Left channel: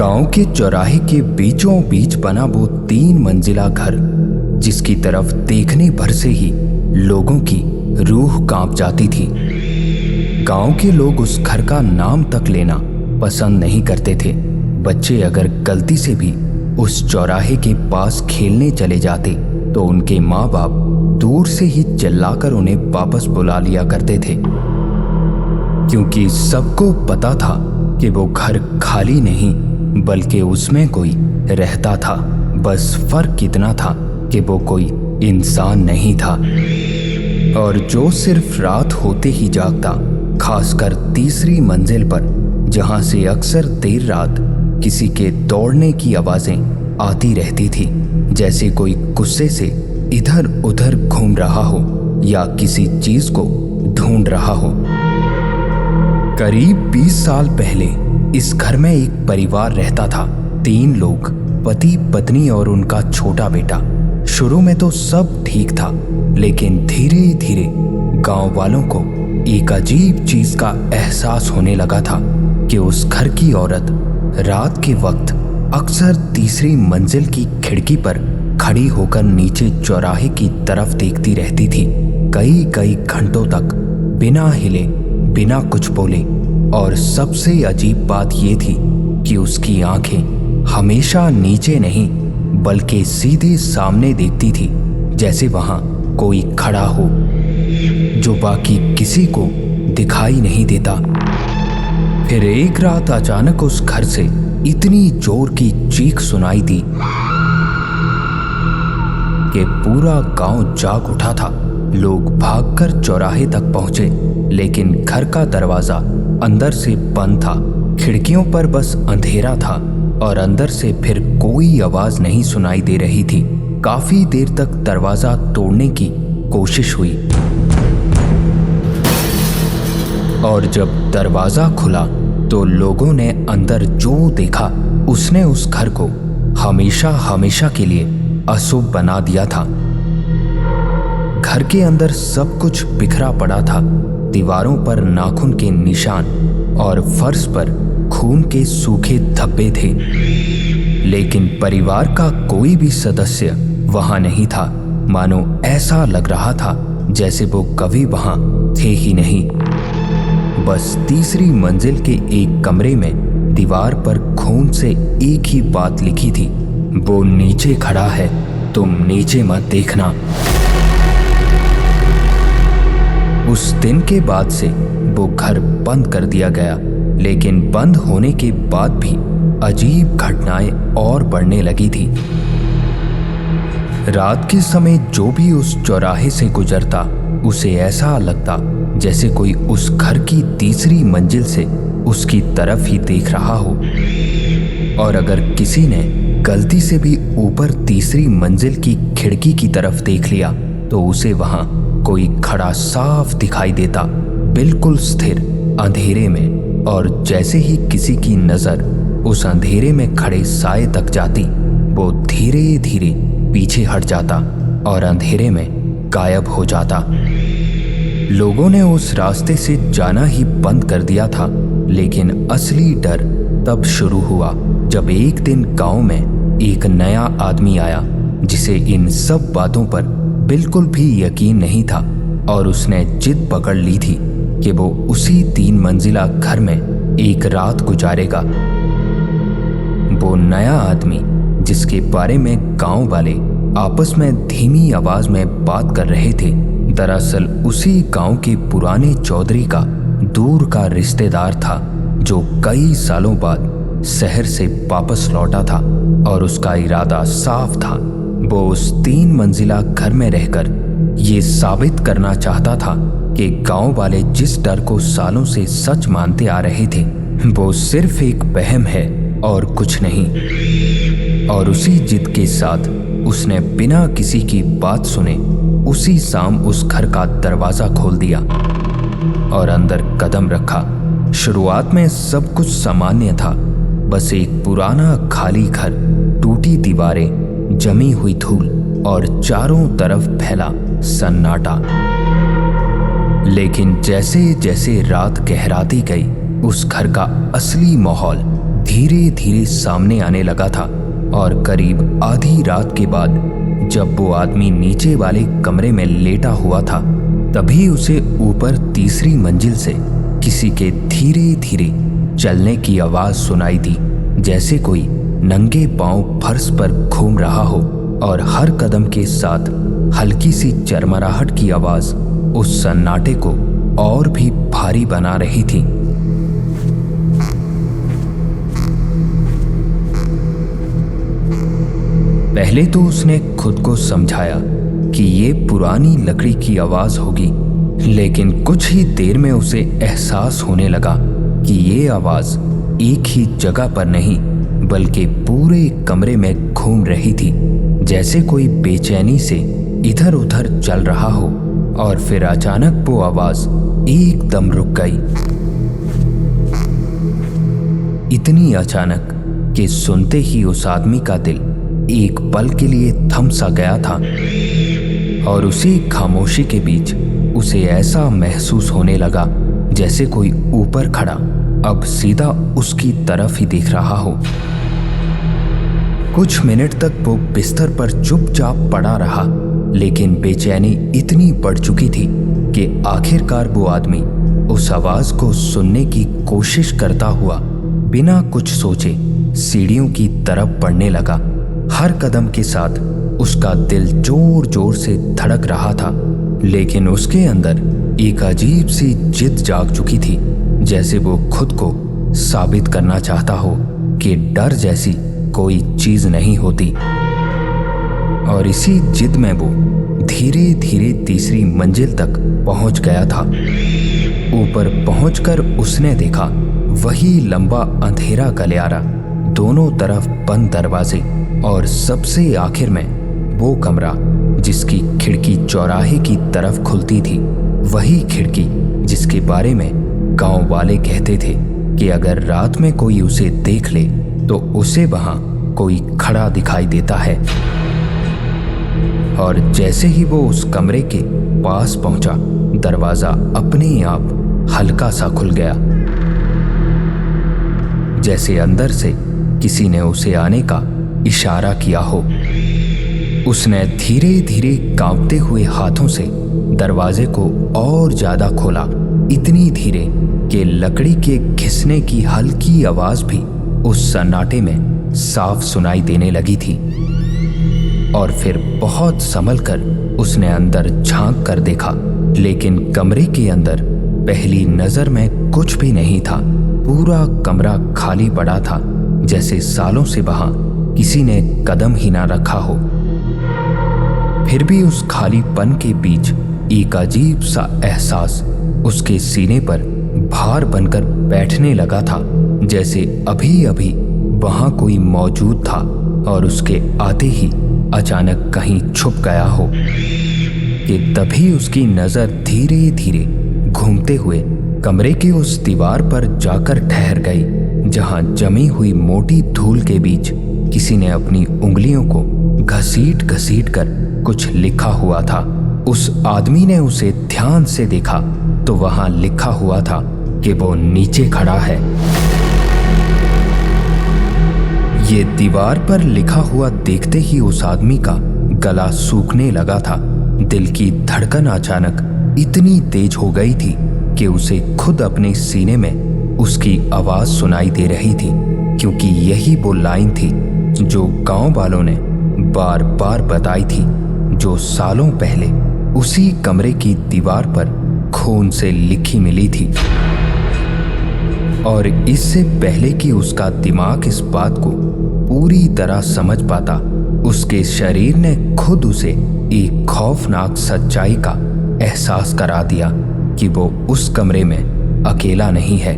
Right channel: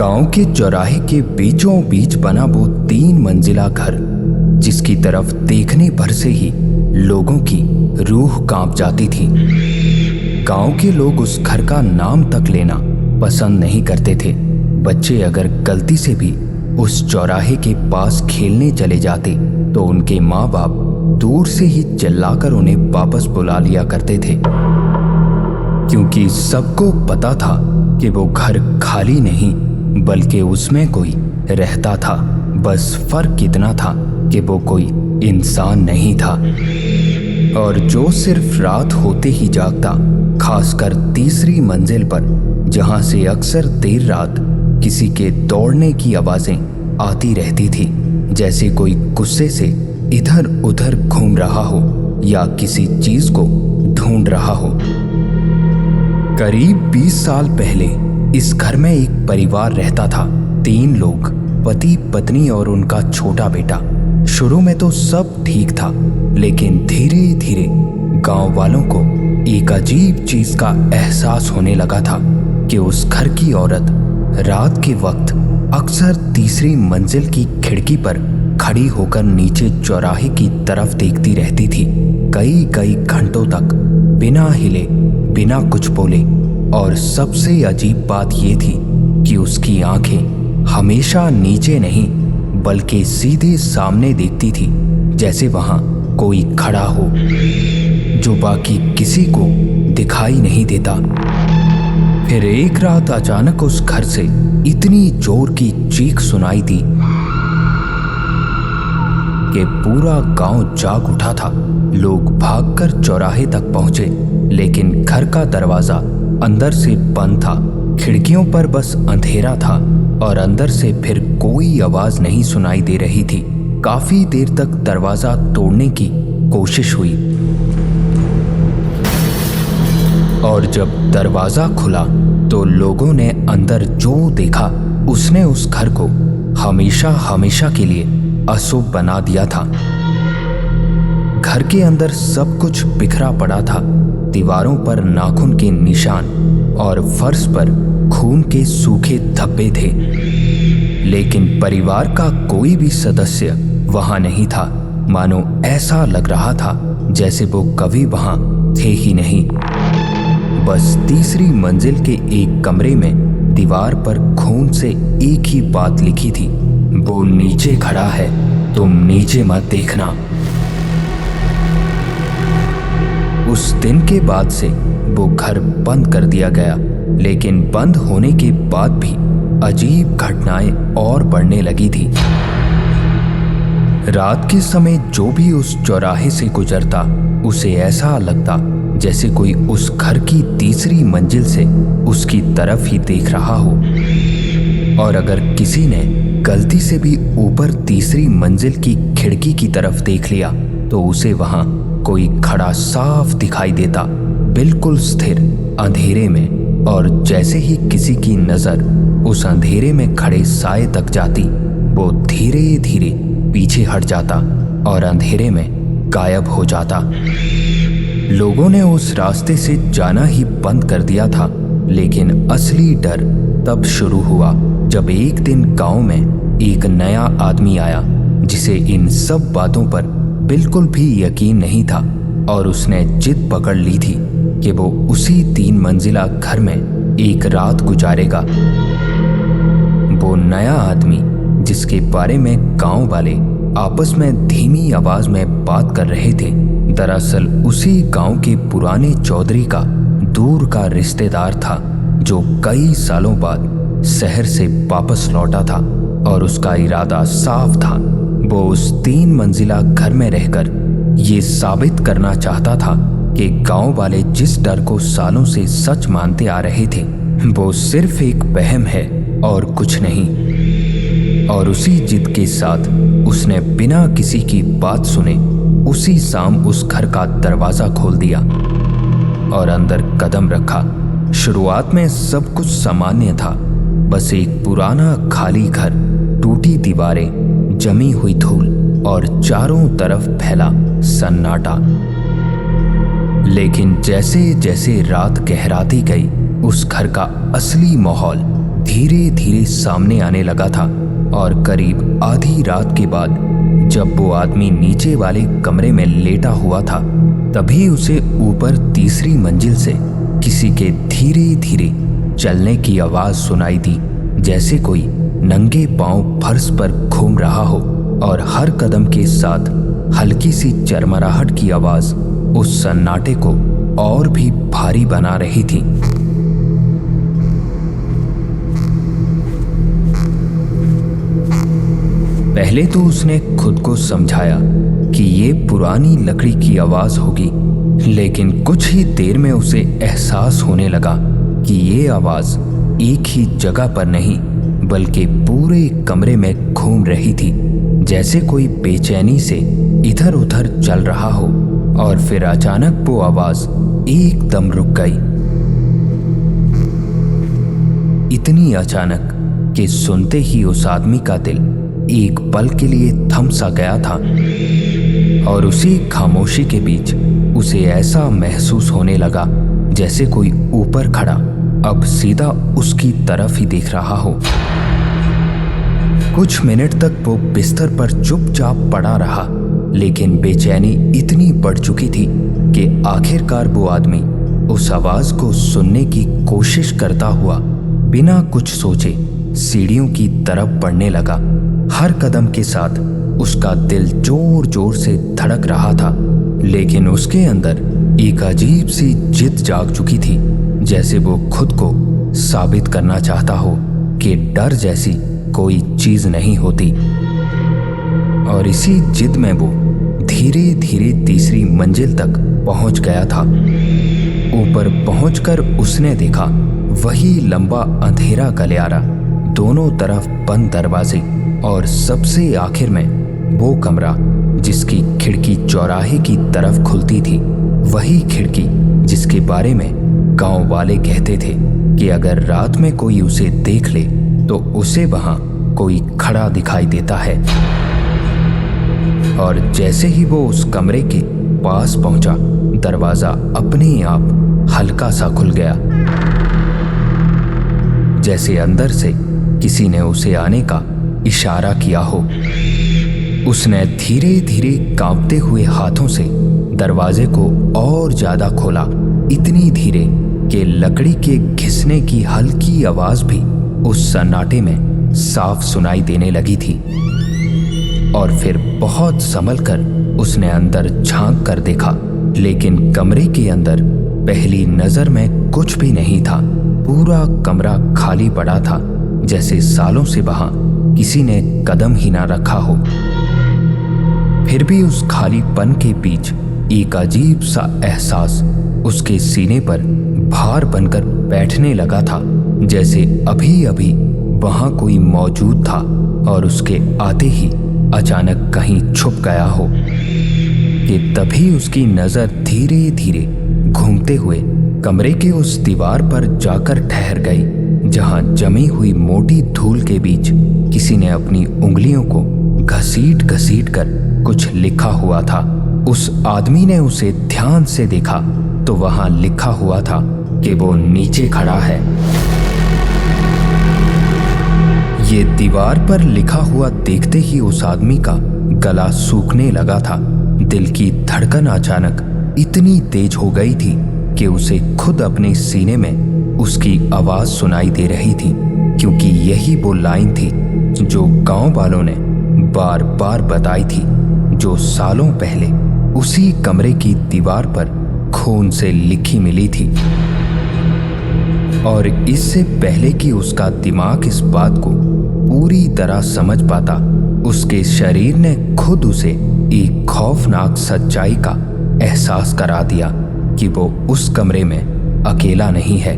गांव के चौराहे के बीचों बीच बना वो 3 मंजिला घर, जिसकी तरफ देखने भर से ही लोगों की रूह कांप जाती थी। गांव के लोग उस घर का नाम तक लेना पसंद नहीं करते थे। बच्चे अगर गलती से भी उस चौराहे के पास खेलने चले जाते तो उनके माँ बाप दूर से ही चिल्लाकर उन्हें वापस बुला लिया करते थे, क्योंकि सबको पता था कि वो घर खाली नहीं बल्कि उसमें कोई रहता था। बस फर्क इतना था कि वो कोई इंसान नहीं था, और जो सिर्फ रात होते ही जागता, खासकर तीसरी मंजिल पर, जहां से अक्सर देर रात किसी के दौड़ने की आवाजें आती रहती थी, जैसे कोई गुस्से से इधर उधर घूम रहा हो या किसी चीज को ढूंढ रहा हो। करीब 20 साल पहले इस घर में एक परिवार रहता था। 3 लोग, पति पत्नी और उनका छोटा बेटा। शुरू में तो सब ठीक था, लेकिन धीरे धीरे गांव वालों को एक अजीब चीज का एहसास होने लगा था कि उस घर की औरत रात के वक्त अक्सर तीसरी मंजिल की खिड़की पर खड़ी होकर नीचे चौराहे की तरफ देखती रहती थी, कई कई घंटों तक बिना हिले, बिना कुछ बोले। और सबसे अजीब बात यह थी कि उसकी आंखें हमेशा नीचे नहीं बल्कि सीधे सामने देखती थी, जैसे वहां कोई खड़ा हो जो बाकी किसी को दिखाई नहीं देता। फिर एक रात अचानक उस घर से इतनी जोर की चीख सुनाई दी कि पूरा गांव जाग उठा था। लोग भागकर चौराहे तक पहुंचे, लेकिन घर का दरवाजा अंदर से बंद था। खिड़कियों पर बस अंधेरा था और अंदर से फिर कोई आवाज नहीं सुनाई दे रही थी। काफी देर तक दरवाजा तोड़ने की कोशिश हुई, और जब दरवाजा खुला तो लोगों ने अंदर जो देखा उसने उस घर को हमेशा हमेशा के लिए अशुभ बना दिया था। घर के अंदर सब कुछ बिखरा पड़ा था। दीवारों पर नाखून के निशान और फर्श पर खून के सूखे धब्बे थे, लेकिन परिवार का कोई भी सदस्य वहां नहीं था। मानो ऐसा लग रहा था जैसे वो कभी वहां थे ही नहीं। बस तीसरी मंजिल के एक कमरे में दीवार पर खून से एक ही बात लिखी थी, वो नीचे खड़ा है, तुम नीचे मत देखना। उस दिन के बाद से वो घर बंद कर दिया गया, लेकिन बंद होने के बाद भी अजीब घटनाएं और बढ़ने लगी थी। रात के समय जो भी उस चौराहे से गुजरता, उसे ऐसा लगता जैसे कोई उस घर की तीसरी मंजिल से उसकी तरफ ही देख रहा हो। और अगर किसी ने गलती से भी ऊपर तीसरी मंजिल की खिड़की की तरफ देख लिया तो उसे वहां कोई खड़ा साफ दिखाई देता, बिल्कुल स्थिर अंधेरे में। और जैसे ही किसी की नजर उस अंधेरे में खड़े साए तक जाती, वो धीरे धीरे पीछे हट जाता और अंधेरे में गायब हो जाता। लोगों ने उस रास्ते से जाना ही बंद कर दिया था, लेकिन असली डर तब शुरू हुआ जब एक दिन गांव में एक नया आदमी आया, जिसे इन सब बातों पर बिल्कुल भी यकीन नहीं था, और उसने जिद पकड़ ली थी कि वो उसी 3 मंजिला घर में एक रात गुजारेगा। वो नया आदमी, जिसके बारे में गांव वाले आपस में धीमी आवाज में बात कर रहे थे, दरअसल उसी गांव के पुराने चौधरी का दूर का रिश्तेदार था, जो कई सालों बाद शहर से वापस लौटा था। और उसका इरादा साफ था, वो उस 3 मंजिला घर में रहकर ये साबित करना चाहता था कि गांव वाले जिस डर को सालों से सच मानते आ रहे थे, वो सिर्फ एक वहम है और कुछ नहीं। और उसी जिद के साथ उसने बिना किसी की बात सुने उसी शाम उस घर का दरवाजा खोल दिया और अंदर कदम रखा। शुरुआत में सब कुछ सामान्य था, बस एक पुराना खाली घर, टूटी दीवारें, जमी हुई धूल और चारों तरफ फैला सन्नाटा। लेकिन जैसे जैसे रात गहराती गई, उस घर का असली माहौल धीरे धीरे सामने आने लगा था। और करीब आधी रात के बाद जब वो आदमी नीचे वाले कमरे में लेटा हुआ था, तभी उसे ऊपर तीसरी मंजिल से किसी के धीरे धीरे चलने की आवाज सुनाई दी, जैसे कोई नंगे पांव फर्श पर घूम रहा हो। और हर कदम के साथ हल्की सी चरमराहट की आवाज उस सन्नाटे को और भी भारी बना रही थी। पहले तो उसने खुद को समझाया कि ये पुरानी लकड़ी की आवाज होगी, लेकिन कुछ ही देर में उसे एहसास होने लगा कि ये आवाज एक ही जगह पर नहीं बल्कि पूरे कमरे में घूम रही थी, जैसे कोई बेचैनी से इधर उधर चल रहा हो। और फिर अचानक वो आवाज एकदम रुक गई, इतनी अचानक कि सुनते ही उस आदमी का दिल एक पल के लिए थम सा गया था। और उसी खामोशी के बीच उसे ऐसा महसूस होने लगा जैसे कोई ऊपर खड़ा अब सीधा उसकी तरफ ही देख रहा हो। कुछ मिनट तक वो बिस्तर पर चुपचाप पड़ा रहा, लेकिन बेचैनी इतनी बढ़ चुकी थी कि आखिरकार वो आदमी उस आवाज को सुनने की कोशिश करता हुआ बिना कुछ सोचे सीढ़ियों की तरफ बढ़ने लगा। हर कदम के साथ उसका दिल जोर जोर से धड़क रहा था, लेकिन उसके अंदर एक अजीब सी जिद जाग चुकी थी, जैसे वो खुद को साबित करना चाहता हो कि डर जैसी कोई चीज नहीं होती। और इसी जिद में वो धीरे धीरे तीसरी मंजिल तक पहुंच गया था। ऊपर पहुंचकर उसने देखा वही लंबा अंधेरा गलियारा, दोनों तरफ बंद दरवाजे, और सबसे आखिर में वो कमरा जिसकी खिड़की चौराहे की तरफ खुलती थी, वही खिड़की जिसके बारे में गांव वाले कहते थे कि अगर रात में कोई उसे देख ले तो उसे वहां कोई खड़ा दिखाई देता है। और जैसे ही वो उस कमरे के पास पहुंचा, दरवाजा अपने आप हल्का सा खुल गया, जैसे अंदर से किसी ने उसे आने का इशारा किया हो। उसने धीरे धीरे कांपते हुए हाथों से दरवाजे को और ज्यादा खोला, इतनी धीरे कि लकड़ी के घिसने की हल्की आवाज भी उस सन्नाटे में साफ सुनाई देने लगी थी। और फिर बहुत संभल कर उसने अंदर झांक कर देखा, लेकिन कमरे के अंदर पहली नजर में कुछ भी नहीं था। पूरा कमरा खाली पड़ा था, जैसे सालों से वहां किसी ने कदम ही ना रखा हो। फिर भी उस खालीपन के बीच एक अजीब सा एहसास उसके सीने पर भार बनकर बैठने लगा था, जैसे अभी अभी वहां कोई मौजूद था और उसके आते ही अचानक कहीं छुप गया हो। कि तभी उसकी नजर धीरे धीरे घूमते हुए कमरे के उस दीवार पर जाकर ठहर गई, जहां जमी हुई मोटी धूल के बीच किसी ने अपनी उंगलियों को घसीट घसीट कर कुछ लिखा हुआ था। उस आदमी ने उसे ध्यान से देखा तो वहां लिखा हुआ था कि वो नीचे खड़ा है। ये दीवार पर लिखा हुआ देखते ही उस आदमी का गला सूखने लगा था। दिल की धड़कन अचानक इतनी तेज हो गई थी कि उसे खुद अपने सीने में उसकी आवाज सुनाई दे रही थी, क्योंकि यही वो लाइन थी जो गांव वालों ने बार बार बताई थी, जो सालों पहले उसी कमरे की दीवार पर खून से लिखी मिली थी। और इससे पहले कि उसका दिमाग इस बात को पूरी तरह समझ पाता, उसके शरीर ने खुद उसे एक खौफनाक सच्चाई का एहसास करा दिया कि वो उस कमरे में अकेला नहीं है,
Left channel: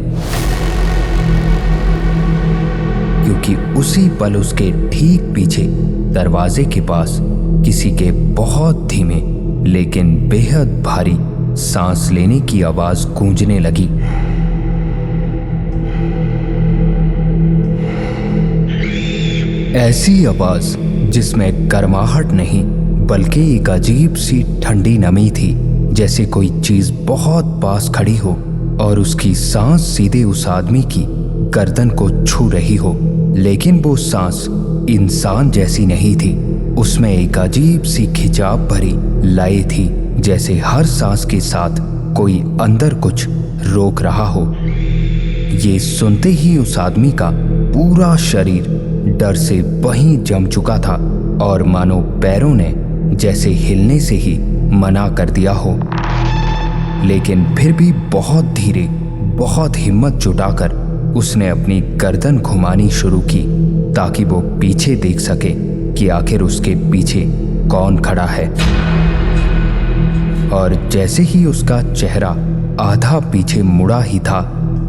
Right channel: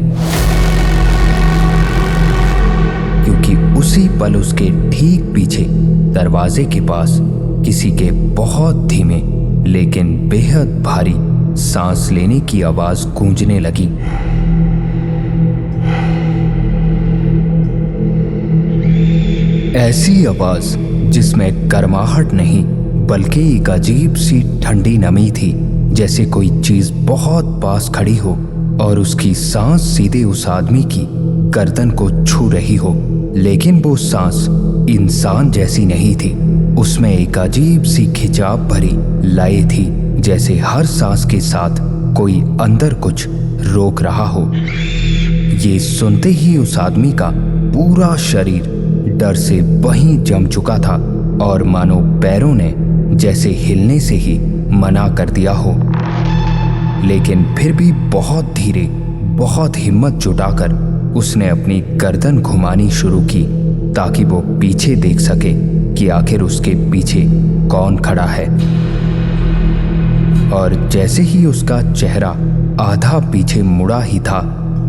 क्योंकि उसी पल उसके ठीक पीछे दरवाजे के पास किसी के बहुत धीमे लेकिन बेहद भारी सांस लेने की आवाज गूंजने लगी। ऐसी आवाज जिसमें गर्माहट नहीं बल्कि एक अजीब सी ठंडी नमी थी, जैसे कोई चीज बहुत पास खड़ी हो और उसकी सांस सीधे उस आदमी की गर्दन को छू रही हो, लेकिन वो सांस इंसान जैसी नहीं थी। उसमें एक अजीब सी खिंचाव भरी लय थी, जैसे हर सांस के साथ कोई अंदर कुछ रोक रहा हो। ये सुनते ही उस आदमी का पूरा शरीर डर से वहीं जम चुका था और मानो पैरों ने जैसे हिलने से ही मना कर दिया हो। लेकिन फिर भी बहुत धीरे, बहुत हिम्मत जुटाकर उसने अपनी गर्दन घुमानी शुरू की ताकि वो पीछे देख सके कि आखिर उसके पीछे कौन खड़ा है। और जैसे ही उसका चेहरा आधा पीछे मुड़ा ही था,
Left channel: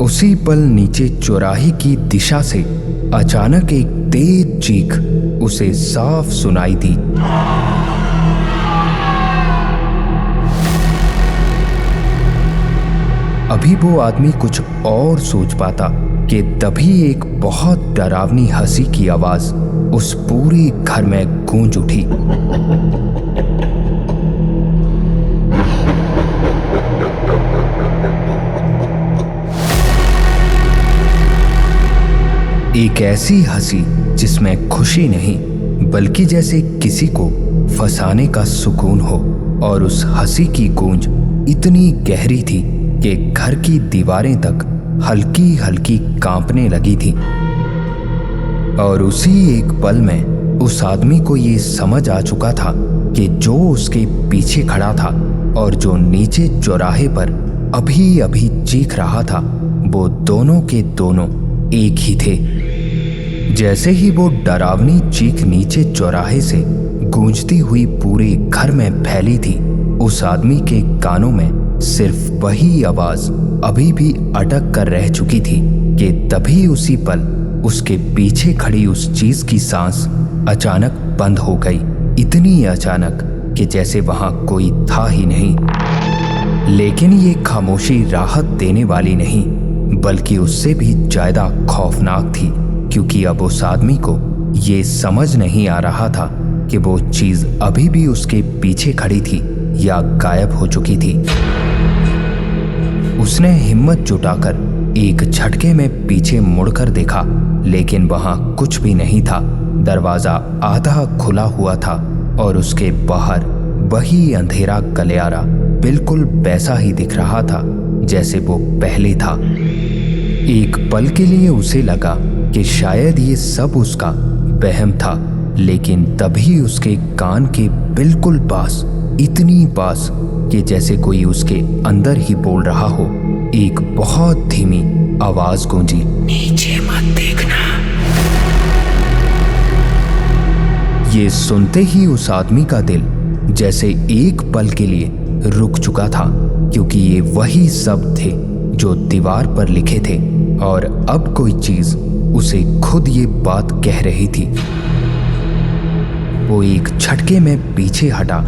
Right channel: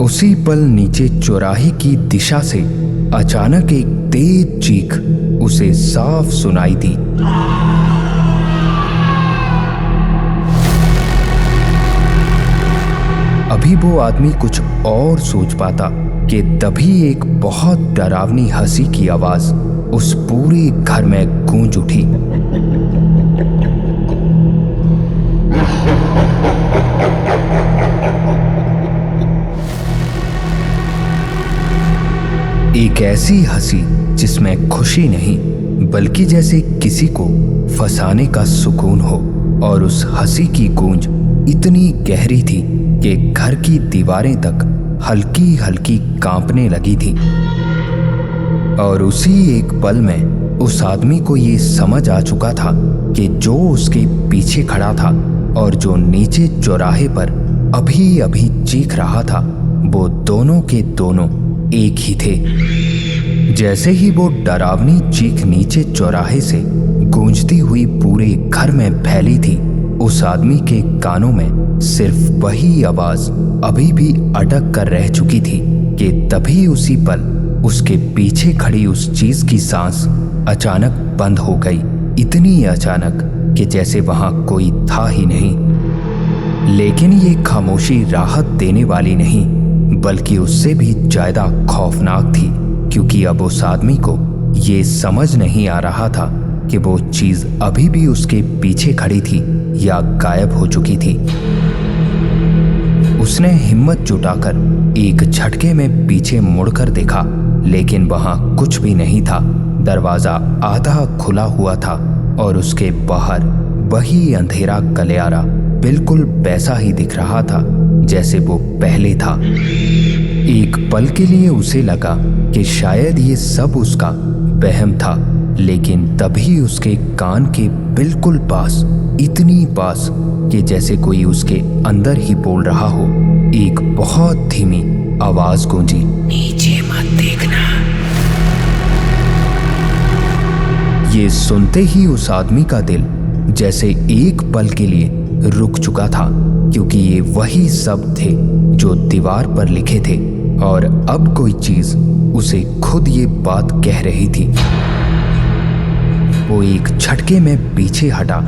उसी पल नीचे चौराहे की दिशा से अचानक एक तेज चीख उसे साफ सुनाई दी। अभी वो आदमी कुछ और सोच पाता कि तभी एक बहुत डरावनी हंसी की आवाज उस पूरे घर में गूंज उठी। एक ऐसी हंसी जिसमें खुशी नहीं, बल्कि जैसे किसी को फंसाने का सुकून हो। और उस हंसी की गूंज इतनी गहरी थी कि घर की दीवारें तक हल्की हल्की कांपने लगी थी। और उसी एक पल में उस आदमी को ये समझ आ चुका था कि जो उसके पीछे खड़ा था और जो नीचे चौराहे पर अभी अभी चीख रहा था, वो दोनों के दोनों एक ही थे। जैसे ही वो डरावनी चीख नीचे चौराहे से गूंजती हुई पूरे घर में फैली थी, उस आदमी के कानों में सिर्फ वही आवाज अभी भी अटक कर रह चुकी थी कि तभी उसी पल उसके पीछे खड़ी उस चीज की सांस अचानक बंद हो गई। इतनी अचानक कि जैसे वहां कोई था ही नहीं। लेकिन ये खामोशी राहत देने वाली नहीं, बल्कि उससे भी ज्यादा खौफनाक थी, क्योंकि अब उस आदमी को ये समझ नहीं आ रहा था कि वो चीज अभी भी उसके पीछे खड़ी थी या गायब हो चुकी थी। उसने हिम्मत जुटाकर एक झटके में पीछे मुड़कर देखा, लेकिन वहां कुछ भी नहीं था। दरवाजा आधा खुला हुआ था और उसके बाहर वही अंधेरा गलियारा बिल्कुल वैसा ही दिख रहा था जैसे वो पहले था। एक पल के लिए उसे लगा कि शायद ये सब उसका वहम था, लेकिन तभी उसके कान के बिल्कुल पास, इतनी पास कि जैसे कोई उसके अंदर ही बोल रहा हो, एक बहुत धीमी आवाज गूंजी, नीचे मत देखना। ये सुनते ही उस आदमी का दिल जैसे एक पल के लिए रुक चुका था, क्योंकि ये वही शब्द थे जो दीवार पर लिखे थे और अब कोई चीज उसे खुद ये बात कह रही थी। वो एक झटके में पीछे हटा,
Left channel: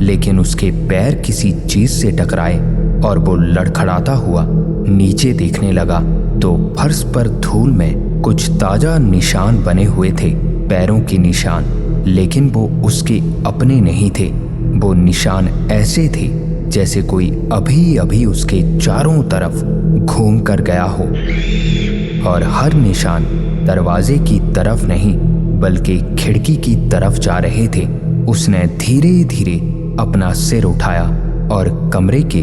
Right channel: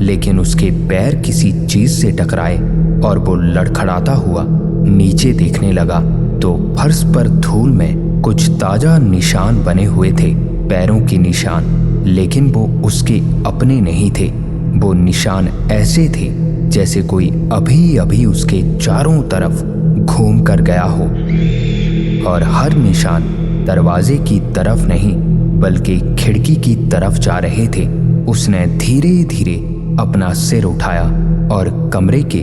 लेकिन उसके पैर किसी चीज से टकराए और वो लड़खड़ाता हुआ नीचे देखने लगा तो फर्श पर धूल में कुछ ताजा निशान बने हुए थे, पैरों के निशान, लेकिन वो उसके अपने नहीं थे। वो निशान ऐसे थे जैसे कोई अभी अभी उसके चारों तरफ घूम कर गया हो, और हर निशान दरवाजे की तरफ नहीं बल्कि खिड़की की तरफ जा रहे थे। उसने धीरे धीरे अपना सिर उठाया और कमरे के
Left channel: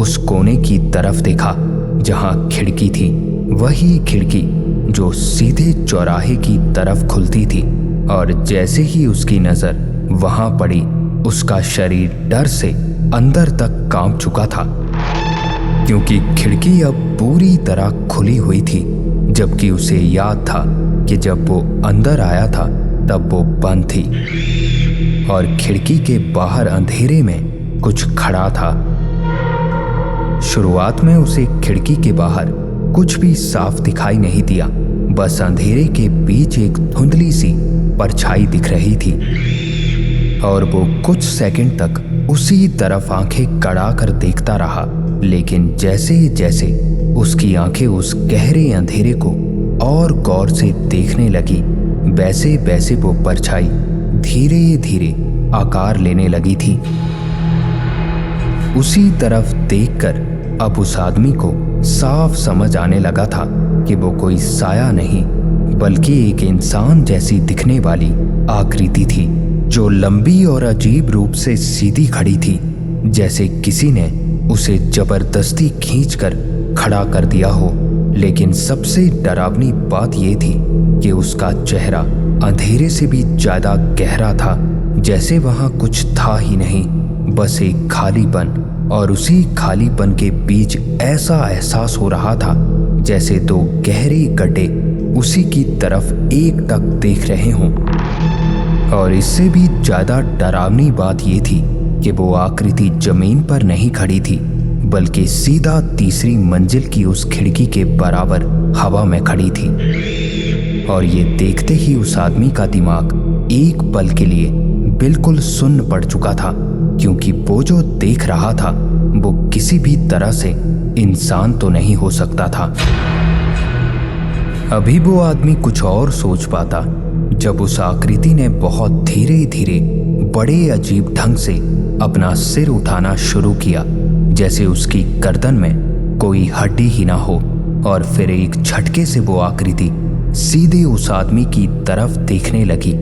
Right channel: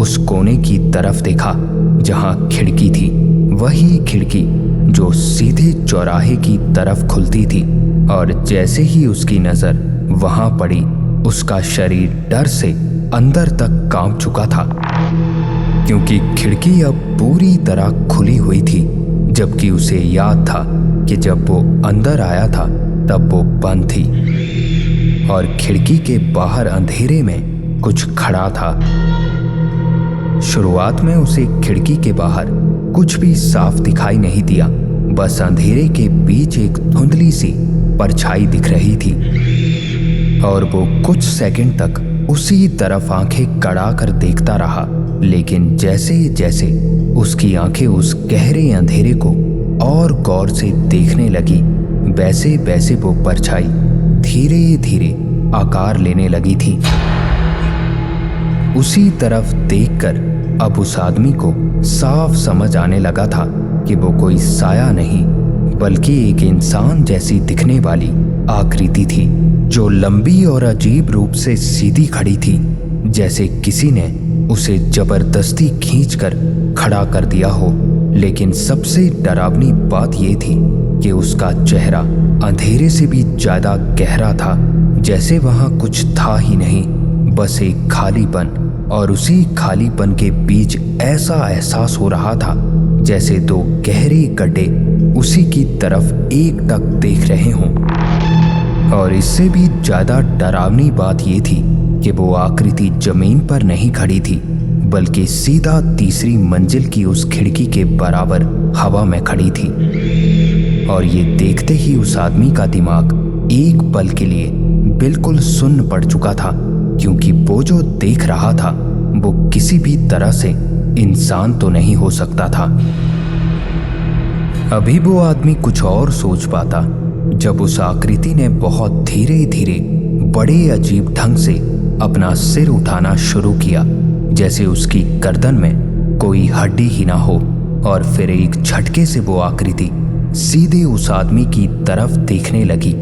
उस कोने की तरफ देखा जहां खिड़की थी, वही खिड़की जो सीधे चौराहे की तरफ खुलती थी। और जैसे ही उसकी नजर वहां पड़ी, उसका शरीर डर से अंदर तक कांप चुका था, क्योंकि खिड़की अब पूरी तरह खुली हुई थी, जबकि उसे याद था कि जब वो अंदर आया था तब वो बंद थी और खिड़की के बाहर अंधेरे में कुछ खड़ा था। शुरुआत में उसे खिड़की के बाहर कुछ भी साफ दिखाई नहीं दिया, बस अंधेरे के बीच एक धुंधली सी परछाई दिख रही थी और वो कुछ सेकंड तक उसी तरफ आंखें गड़ा कर देखता रहा। लेकिन जैसे जैसे उसकी आंखें उस गहरे अंधेरे को और गौर से देखने लगी, वैसे वैसे वो परछाई धीरे धीरे आकार लेने लगी थी। उसी तरफ देखकर अब उस आदमी को साफ समझ आने लगा था कि वो कोई साया नहीं बल्कि एक इंसान जैसी दिखने वाली आकृति थी, जो लंबी और अजीब रूप से सीधी खड़ी थी, जैसे किसी ने उसे जबरदस्ती खींचकर खड़ा कर दिया हो। लेकिन सबसे डरावनी बात यह थी कि उसका चेहरा अंधेरे से भी ज्यादा गहरा था, जैसे वहां कुछ था ही नहीं, बस एक खालीपन। और उसी खालीपन के बीच ऐसा एहसास हो रहा था जैसे दो गहरे गड्ढे उसी की तरफ एक टक देख रहे हों। और इससे भी ज्यादा डरावनी बात यह थी कि वो आकृति जमीन पर नहीं खड़ी थी बल्कि सीधा तीसरी मंजिल की उस खिड़की के बराबर हवा में खड़ी थी। और ये देखते ही उस आदमी का दिमाग एक पल के लिए बिल्कुल सुन्न पड़ चुका था, क्योंकि वो जो देख रहा था वो किसी भी तरह से इंसान तो नहीं हो सकता था। अभी वो आदमी कुछ और सोच पाता जब उस आकृति ने बहुत धीरे धीरे बड़े अजीब ढंग से अपना सिर उठाना शुरू किया, जैसे उसकी गर्दन में कोई हड्डी ही ना हो। और फिर एक झटके से वो आकृति सीधे उस आदमी की तरफ देखने लगी।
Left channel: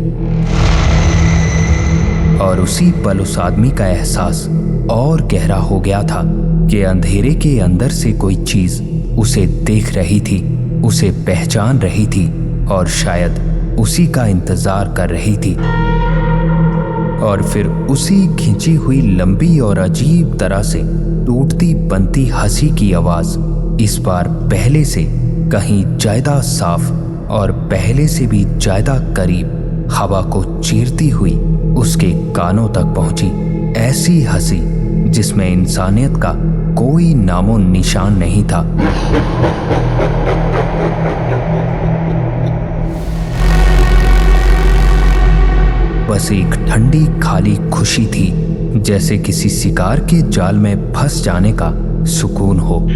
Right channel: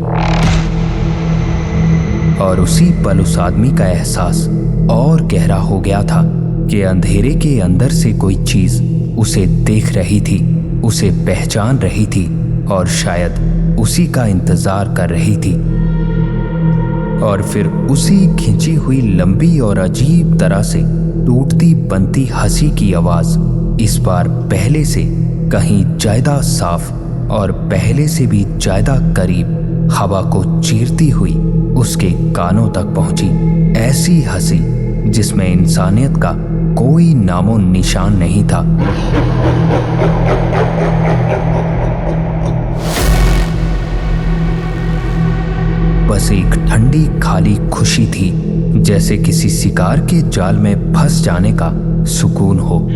और उसी पल उस आदमी का एहसास और गहरा हो गया था कि अंधेरे के अंदर से कोई चीज उसे देख रही थी, उसे पहचान रही थी और शायद उसी का इंतजार कर रही थी। और फिर उसी खिंची हुई लंबी और अजीब तरह से टूटती बनती हंसी की आवाज इस बार पहले से कहीं ज्यादा साफ और पहले से भी ज्यादा करीब हवा को चीरती हुई उसके कानों तक पहुंची। ऐसी हंसी जिसमें इंसानियत का कोई नामो निशान नहीं था। बस एक ठंडी खाली खुशी थी, जैसे किसी शिकार के जाल में फंस जाने का सुकून हो।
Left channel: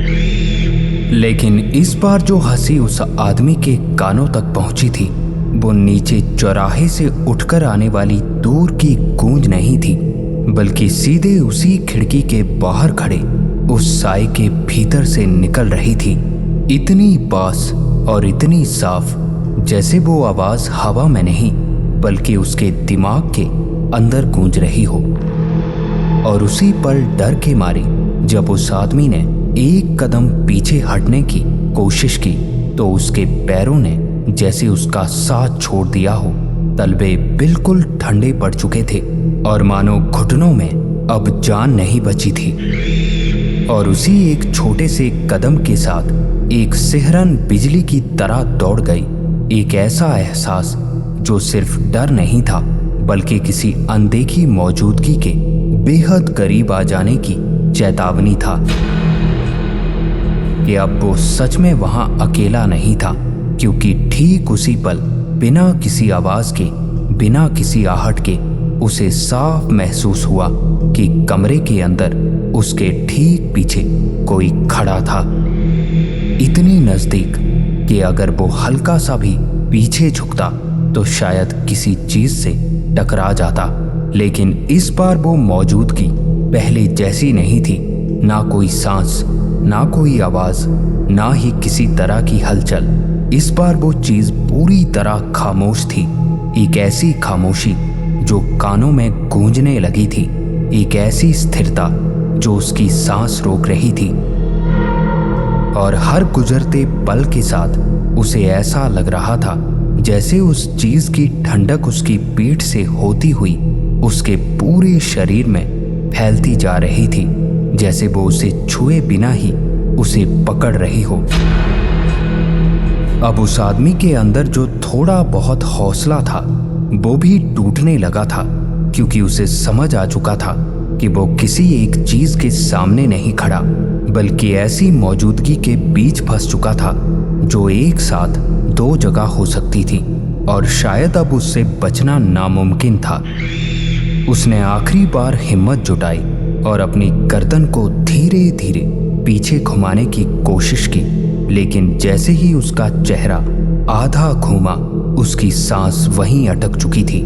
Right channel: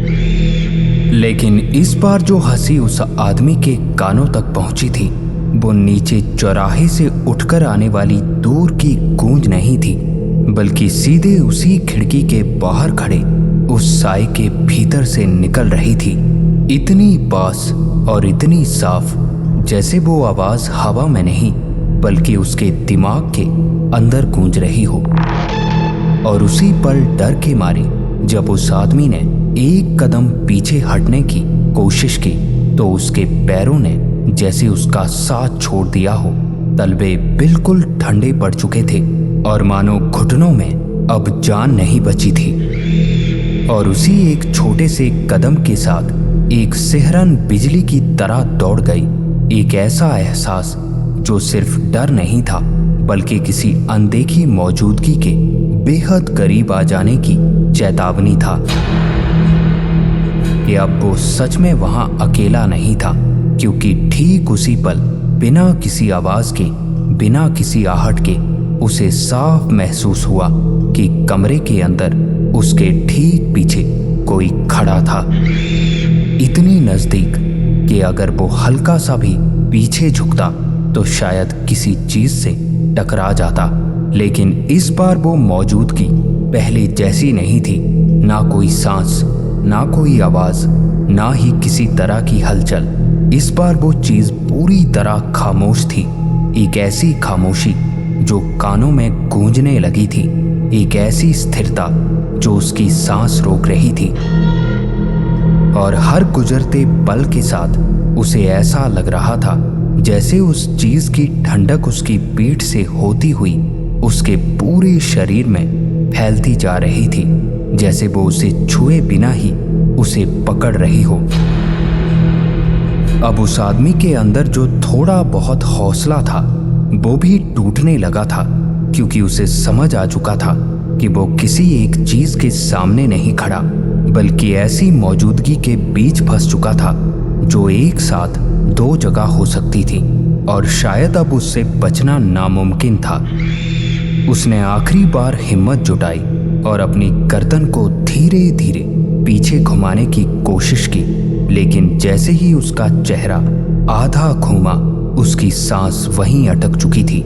लेकिन इस बार जो हंसी उस आदमी के कानों तक पहुंची थी वो नीचे चौराहे से उठकर आने वाली दूर की गूंज नहीं थी, बल्कि सीधे उसी खिड़की के बाहर खड़े उस साए के भीतर से निकल रही थी। इतनी पास और इतनी साफ जैसे वो आवाज हवा में नहीं बल्कि उसके दिमाग के अंदर गूंज रही हो। और उसी पल डर के मारे जब उस आदमी ने एक कदम पीछे हटने की कोशिश की तो उसके पैरों ने जैसे उसका साथ छोड़ दिया हो। तलवे बिल्कुल ठंडे पड़ चुके थे और मानो घुटनों में अब जान नहीं बची थी। और उसी एक छोटे से कदम के साथ एक सिहरन बिजली की तरह दौड़ गई। एक ऐसा एहसास जो सिर्फ डर नहीं था बल्कि किसी अनदेखी मौजूदगी के बेहद करीब आ जाने की चेतावनी था कि अब वो सच में वहां अकेला नहीं था, क्योंकि ठीक उसी पल बिना किसी आवाज के, बिना किसी आहट के उसे साफ महसूस हुआ कि कमरे के अंदर उसके ठीक पीछे कोई खड़ा था। इतनी नजदीक कि अगर वो हल्का सा भी पीछे झुकता तो शायद किसी चीज से टकरा जाता। लेकिन इस बार वो मौजूदगी पहले जैसी नहीं थी। ना कोई सांस, ना कोई आवाज, ना ही किसी तरह की हलचल। इस बार वो चीज पूरी तरह खामोश थी। एक ऐसी खामोशी जो कानों में गूंजने लगी थी, एक ऐसी स्थिरता जो उसकी सांस रोक रही थी। और हर गुजरते पल के साथ उसे ऐसा लग रहा था जैसे उस चीज की ठंडक उसकी पीठ से होती हुई उसके पूरे शरीर में फैलती जा रही थी, जैसे वो उसे छुए बिना ही उसे पकड़ रही हो। अब उस आदमी के अंदर जो थोड़ा बहुत हौसला था वो भी टूटने लगा था, क्योंकि उसे समझ आ चुका था कि वो किसी एक चीज के सामने नहीं खड़ा बल्कि ऐसी मौजूदगी के बीच फंस चुका था जो एक साथ दो जगह हो सकती थी और शायद अब उससे बचना नामुमकिन था। उसने आखिरी बार हिम्मत जुटाई और अपनी गर्दन को धीरे धीरे पीछे घुमाने की कोशिश की, लेकिन जैसे ही उसका चेहरा आधा घूमा उसकी सांस वहीं अटक चुकी थी,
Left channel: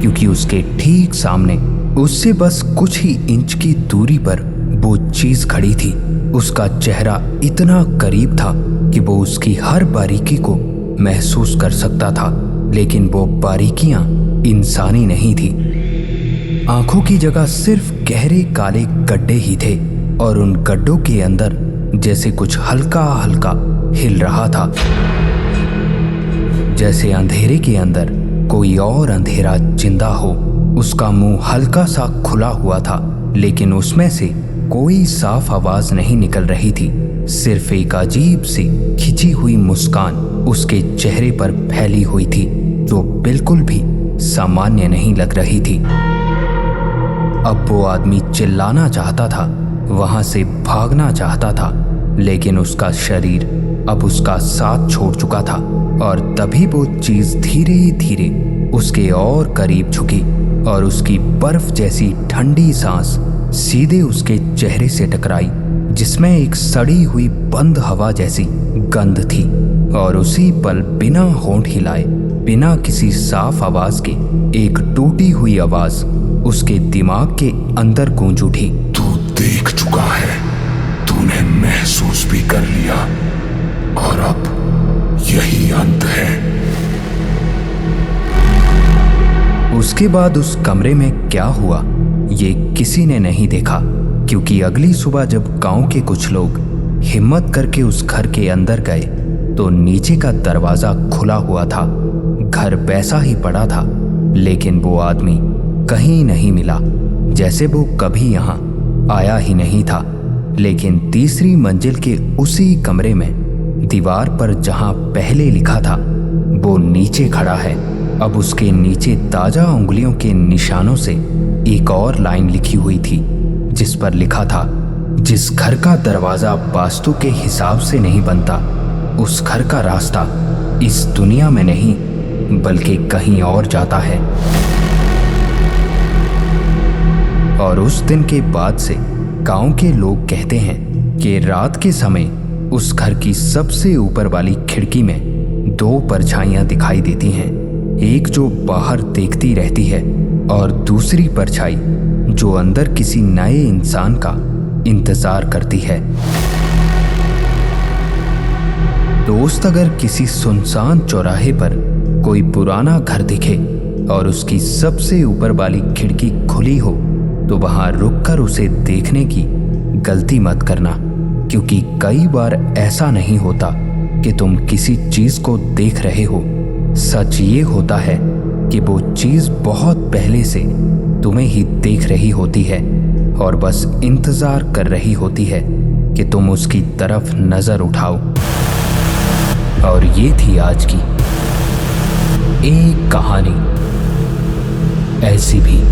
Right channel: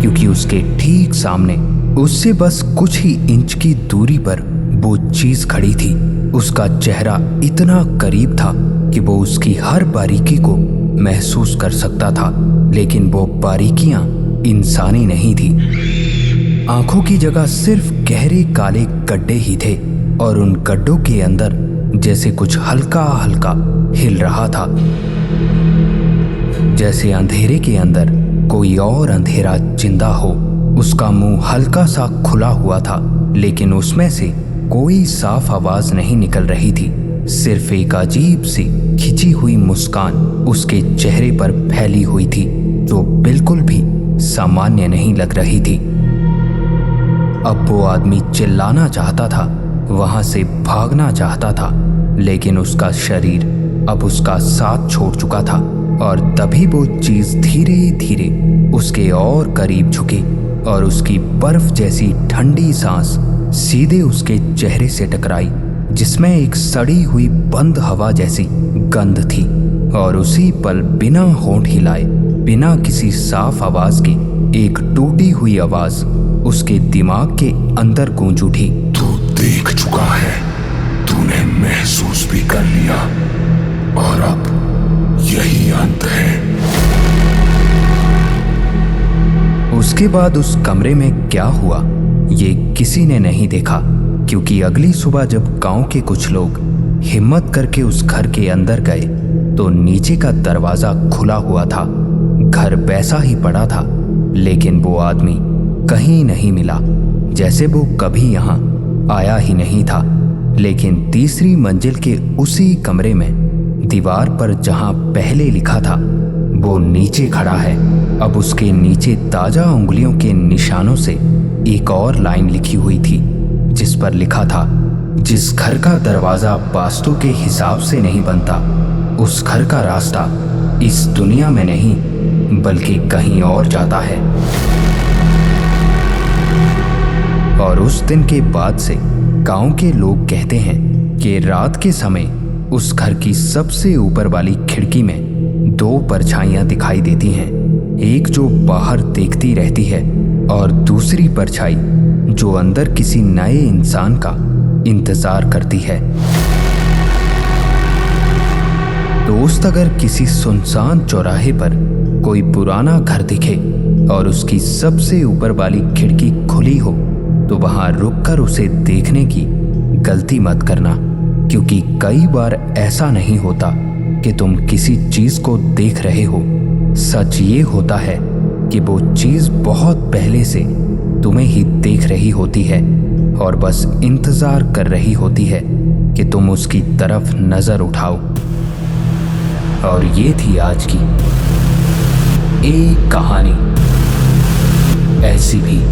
क्योंकि उसके ठीक सामने उससे बस कुछ ही इंच की दूरी पर वो चीज खड़ी थी उसका चेहरा इतना करीब था कि वो उसकी हर बारीकी को महसूस कर सकता था, लेकिन वो बारीकियां इंसानी नहीं थी। आंखों की जगह सिर्फ गहरे काले गड्ढे ही थे और उन गड्ढों के अंदर जैसे कुछ हल्का हल्का हिल रहा था, जैसे अंधेरे के अंदर कोई और अंधेरा जिंदा हो। उसका मुंह हल्का सा खुला हुआ था, लेकिन उसमें से कोई साफ आवाज नहीं निकल रही थी। सिर्फ एक अजीब सी खिंची हुई मुस्कान उसके चेहरे पर फैली हुई थी, जो बिल्कुल भी सामान्य नहीं लग रही थी। अब वो आदमी चिल्लाना चाहता था, वहां से भागना चाहता था, लेकिन उसका शरीर अब उसका साथ छोड़ चुका था। और तभी वो चीज धीरे धीरे उसके और करीब झुकी और उसकी बर्फ जैसी ठंडी सांस सीधे उसके चेहरे से टकराई, जिसमें एक सड़ी हुई बंद हवा जैसी गंध थी। और उसी पल बिना होंठ हिलाए, बिना किसी साफ आवाज के, एक टूटी हुई आवाज उसके दिमाग के अंदर गूंज उठी। तू देख चुका है, तूने महसूस भी कर लिया, और अब यही अंत है। उसके बाद उस कमरे में क्या हुआ ये किसी ने नहीं देखा, क्योंकि अगली सुबह जब गांव के कुछ लोग हिम्मत करके उस घर के अंदर गए तो नीचे का दरवाजा खुला हुआ था। घर वैसा ही पड़ा था, लेकिन वो आदमी कहीं नहीं मिला, जैसे वो कभी यहां आया ही नहीं था। लेकिन तीसरी मंजिल के उसी कमरे में दीवार पर जहां पहले लिखा था वो नीचे खड़ा है। अब उसके नीचे ताजा उंगलियों के निशानों से एक और लाइन लिखी हुई थी, जिस पर लिखा था, जिस घर का दरवाजा वास्तु के हिसाब से नहीं बनता, उस घर का रास्ता इस दुनिया में नहीं बल्कि कहीं और जाता है। और उस दिन के बाद से गांव के लोग कहते हैं कि रात के समय उस घर की सबसे ऊपर वाली खिड़की में दो परछाइयां दिखाई देती हैं, एक जो बाहर देखती रहती है और दूसरी परछाई जो अंदर किसी नए इंसान का इंतजार करती है। दोस्त, अगर किसी सुनसान चौराहे पर कोई पुराना घर दिखे और उसकी सबसे ऊपर वाली खिड़की खुली हो तो वहां रुककर उसे देखने की गलती मत करना, क्योंकि कई बार ऐसा नहीं होता कि तुम किसी चीज को देख रहे हो। सच ये होता है कि वो चीज बहुत पहले से तुम्हें ही देख रही होती है और बस इंतजार कर रही होती है कि तुम उसकी तरफ नजर उठाओ। और ये थी आज की एक कहानी ऐसी भी।